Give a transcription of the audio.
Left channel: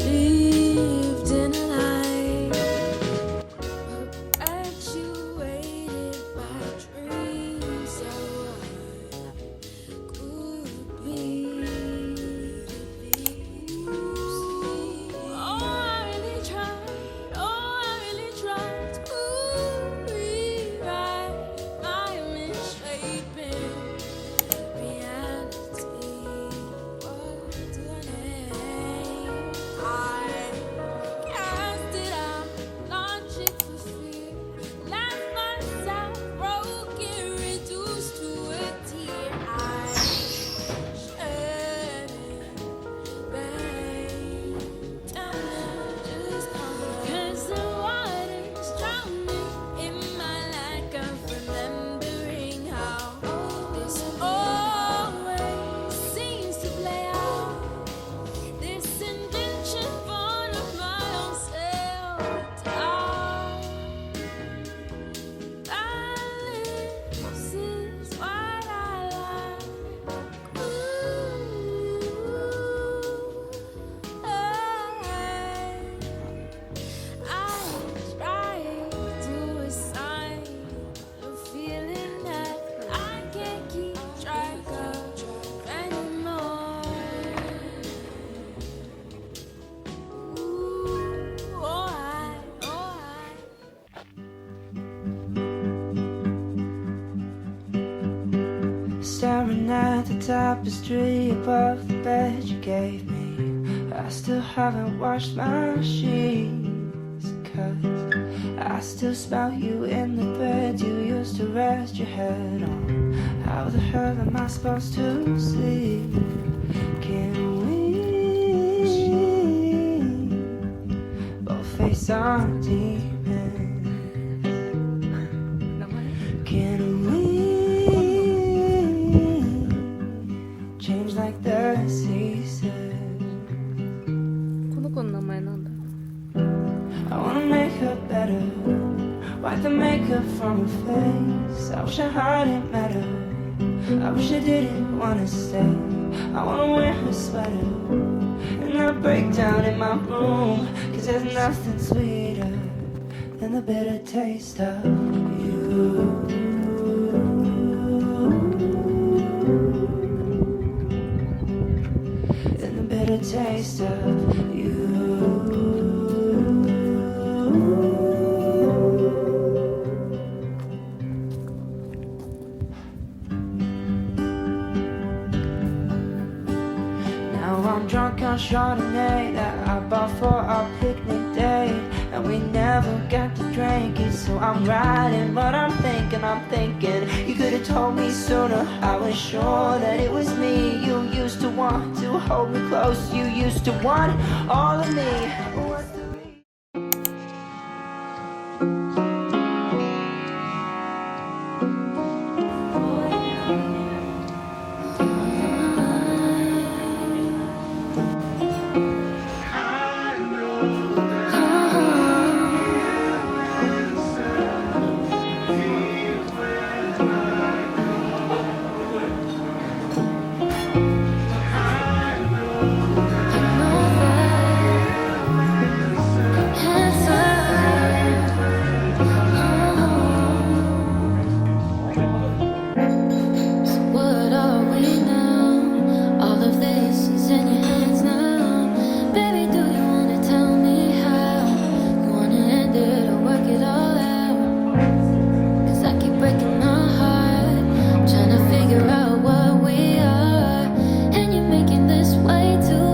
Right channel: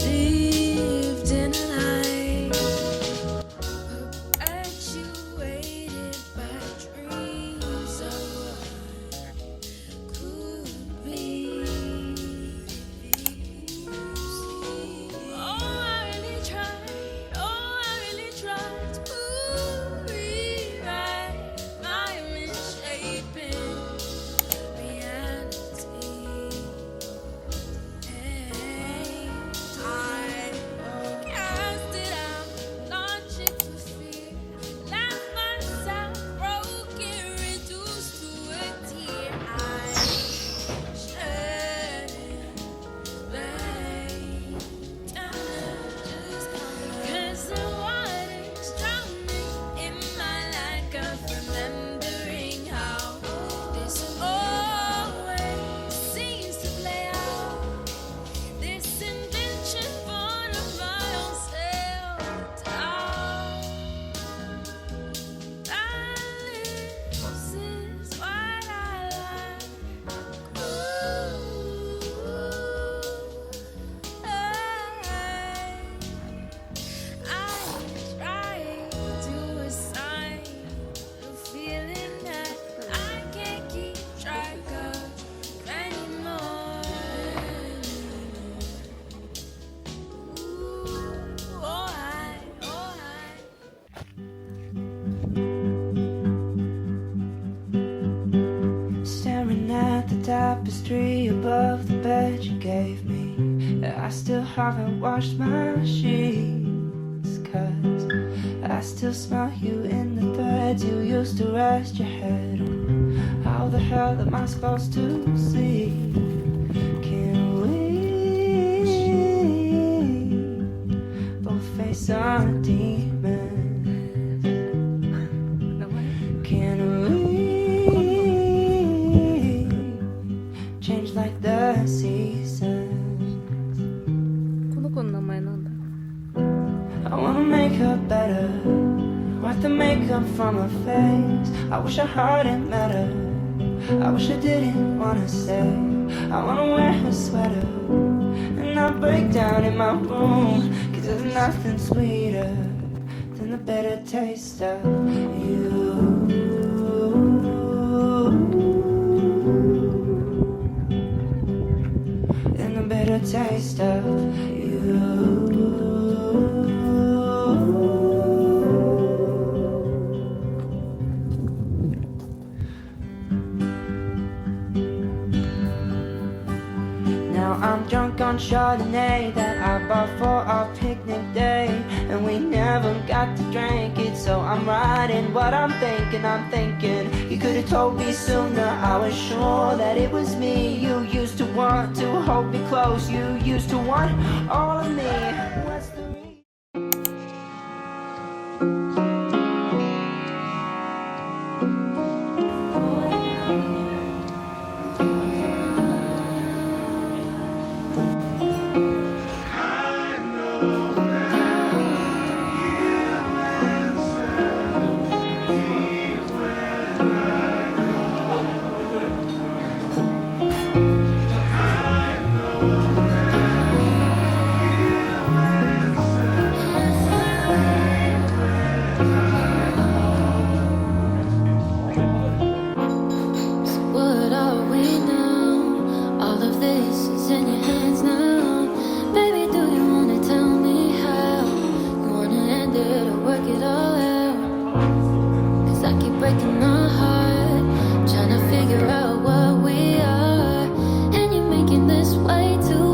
lived in a lie, perpetuated by dreams of what could be. Oh, I really tried. Oh, I really tried to rewrite my misshapen reality. I cast it out, logic for fear, left myself broken, reduced to a tear. I shed it, babe, just 'cause the water's drowning in my lack of remembering how this always seems to play out. This invention born of my own self-doubt. Balance is what I like. Ooh, I try to assign a feeling that I can't keep track of anymore. Ooh, oh I. Staring at the tapestry above the bed you gave me, I still haven't washed my sheets, 'cause I still smell you in the threads you used to rest your head on. How the hell am I supposed to see? Can we both face our demons? Can we change like the seasons? この子の名前なんだろ I wanna make her better, wipe the makeup from her face. I wish I hadn't met her, I wish I didn't wanna stay. I wanna wear her sweater and not break down in my room, 'cause there's nothing sweeter than the bitter taste of you. And the bitter taste of you. Now I'm drunk on Chardonnay that I bought for our picnic day, and we never got to drink it, so I'm writing what I'm thinking. You could have told me sooner, I was sure that it was me. You used to want to hold me close, you used to want all of me. What's the reason? What are we now? All of this is in your hands now. Baby, do you wanna tell me how? You wanna end it or work it all out? 'Cause I keep breaking my heart, trying to figure out what we are. And you're making this way too